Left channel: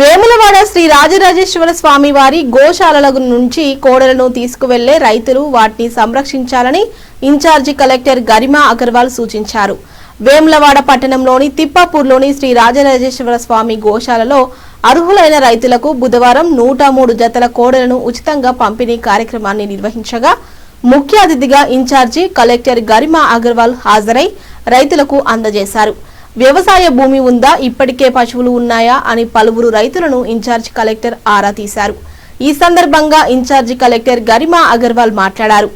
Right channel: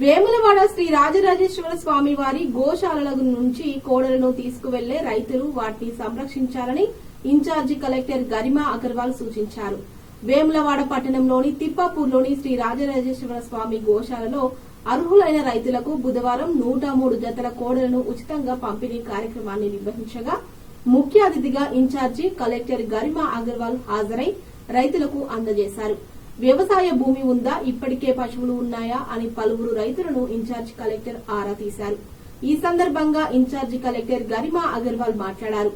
వేములవాడ శ్రీ రాజరాజేశ్వర స్వామి వారి గోశాలల నుంచి కోడలను తీసుకువెళ్ళే రైతులు వాటిని సంరక్షించాలని in charge collector Garima Agarwal సూచించారు. వేములవాడ పట్టణంలోని తిప్పాపూర్లోని శ్రీ రాజరాజేశ్వర స్వామి గోశాలలో అర్హులైన రైతులకు బుధవారం నూట మూడు జతల కోడలను ఉచితంగా పంపిణీ కార్యక్రమాన్ని నిర్వహించగా ముఖ్య అతిథిగా ఇన్ఛార్జి కలెక్టర్ గరిమా అగర్వాల్ హాజరై రైతులకు అందజేశారు. వ్యవసాయ భూమి ఉందా? ఇప్పటికే పశువులు ఉన్నాయా? అని పలువురు రైతులను ఇన్ఛార్జ్ కలెక్టర్ ఆరా తీశారు. ఈ సందర్భంగా ఇన్ఛార్జి కలెక్టర్ గరిమా అగర్వాల్ మాట్లాడారు.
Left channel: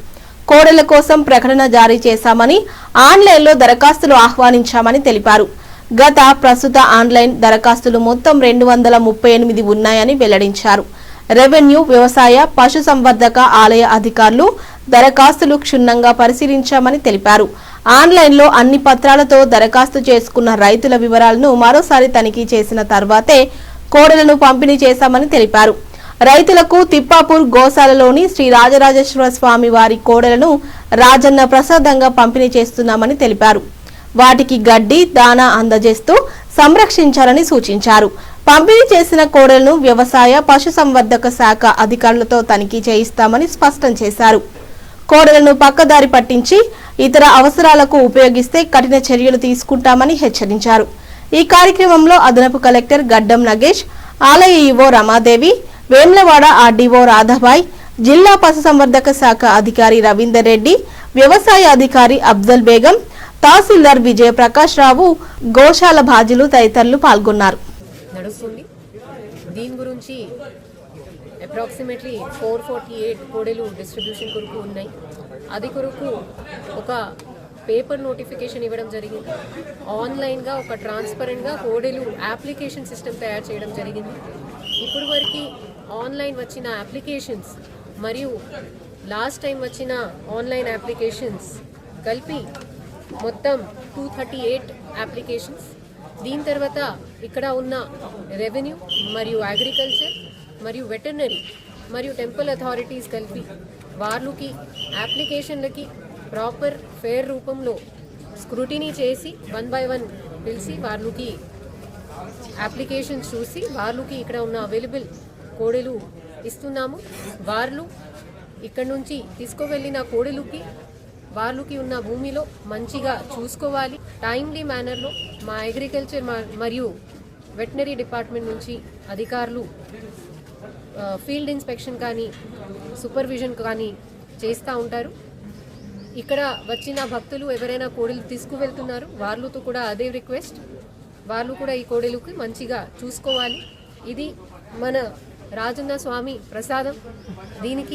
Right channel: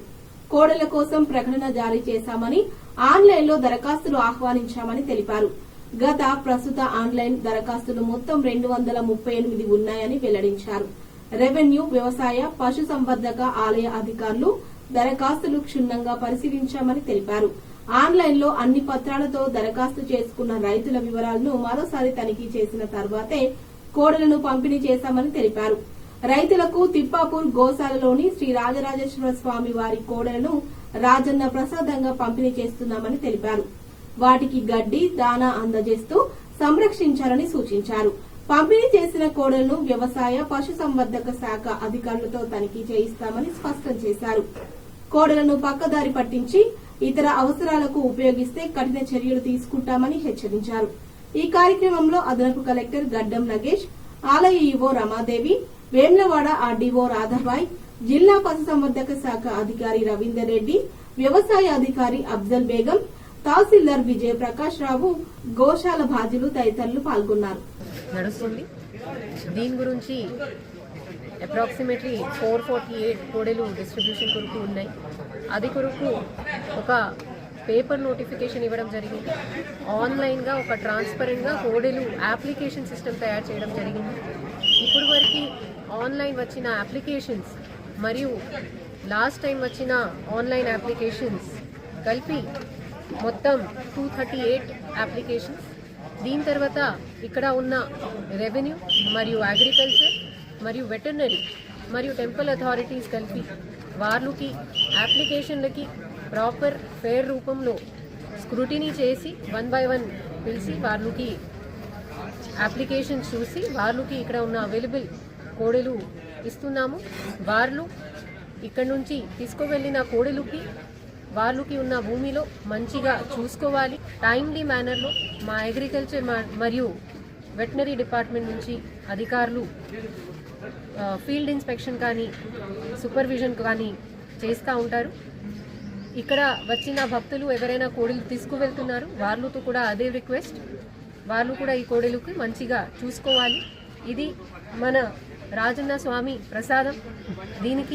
కోడెల కోసం ప్రకటన జారీ చేశామని ఆన్లైన్లో దరఖాస్తులు ఆహ్వానించామని తెలిపారు. గత ప్రస్తుత ఆన్లైన్ దరఖాస్తులు మొత్తం రెండు వందల ముప్పై ఎనిమిది ఉన్నాయని వెల్లడించారు. రెవెన్యూ వ్యవసాయ పశుసంవర్ధక ఆలయ అధికారులు దరఖాస్తులు క్షుణ్ణంగా పరిశీలించామని తెలిపారు. ఆన్లైన్లో అన్ని పత్రాలతో దరఖాస్తు చేసుకున్న రైతుల వివరాలను మరోసారి తనిఖీ చేసిన తర్వాతే కోడలను పంపిణీ చేశామని తెలిపారు. రైతులకు తిప్పాపూర్ గోశాలలోని శ్రీ రాజరాజేశ్వర స్వామి వారి కోడలను రాజన్న ప్రసాదంగా పంపిణీ చేస్తున్నామని తెలిపారు. వాటికి గడ్డి దానా అందజేస్తూ సంరక్షించాలని సూచించారు. పంపిణీ చేసిన కోడలను వ్యవసాయ పశుసంవర్ధక శాఖ అధికారులతో తనిఖీ చేయిస్తామని స్పష్టం చేశారు. కోడలను పక్కదారి పట్టించి ఇతర అవసరాలకు ఉపయోగిస్తే కఠిన చర్యలు తీసుకుంటామని హెచ్చరించారు. ఈ కార్యక్రమంలో అదనపు కలెక్టర్ గడ్డం నగేష్ ఆలయ ఈవో రమాదేవి వేమ్లవాడ ఆర్డీఓ రాధాబాయ్ జిల్లా పశుసంవర్ధక శాఖ అధికారి రవీందర్ రెడ్డి వ్యవసాయ అధికారి అబ్దుల్ బేగం తహసీల్దార్ విజయ ప్రకాష్ రావు గోశాల బాధ్యులు తదితరులు పాల్గొన్నారు. దీని గురించి అప్రాక్సిమేట్లీ ఫోర్ ఫార్టీ ఎయిట్ కోడెలు డిస్ట్రిబ్యూషన్ కొరకు ఉన్నాయి. అది కొరకు ఒక పేపర్ నోటిఫికేషన్ ఇవ్వడం జరిగింది. ఆన్లైన్గా ఒక ట్రాన్స్పరెంట్గా కోడెలు అప్లికేషన్ సిస్టమ్ తయారు చేయడం జరిగింది. ఇప్పుడు వరకు ఆన్లైన్ వచ్చిన అప్లికేషన్స్ మరియు లాస్ట్ టైం వచ్చిన ఆన్లైన్ అప్లికేషన్స్ కలిపి మొత్తం టూ థర్టీ ఎయిట్ అప్లికేషన్స్. దీని తర్వాత ఇక్కడ ఉన్న రెవెన్యూ మరియు అగ్రికల్చర్ మరియు వెటర్నరీ మరియు టెంపుల్ అథారిటీస్ కలిపి వార్లుకి అప్లికేషన్లకి ప్రాపర్ ఫేర్ రూపంలో స్క్రూటినీ చేసి వన్ బై వన్ పిలిచి వాళ్ళకి అప్లికేషన్ చూసి వాళ్ళకి ఇక్కడ ఉన్న అవైలబుల్ కోడెలు ఇస్తున్నాము. వాళ్ళు ఇక్కడ నుంచి తీసుకువెళ్ళిన కోడెలుకి వాళ్ళకి ఉన్న భూమిలో మంచిగా చూసుకోవాలి. టైమ్లీ మేనర్లో మా అగ్రికల్చర్ మరియు వెటనరీ డిపార్ట్మెంట్ నుంచి అధికారులు ఫీల్డ్ ఇన్స్పెక్షన్ కానీ సూపర్విజన్ కానీ చేస్తూ ఉంటారు. ఇక్కడ వచ్చిన భక్తులు ఎవరైనా కోడెలు తీసుకువెళ్తున్నారు వాళ్ళతో కూడా అదే రిక్వెస్ట్. వాళ్ళు కూడా ఈ కోడెలుకి మంచిగా చూసుకోవాలి. ఇది మన రాజన్న స్వామి ప్రసాదం. దీనికి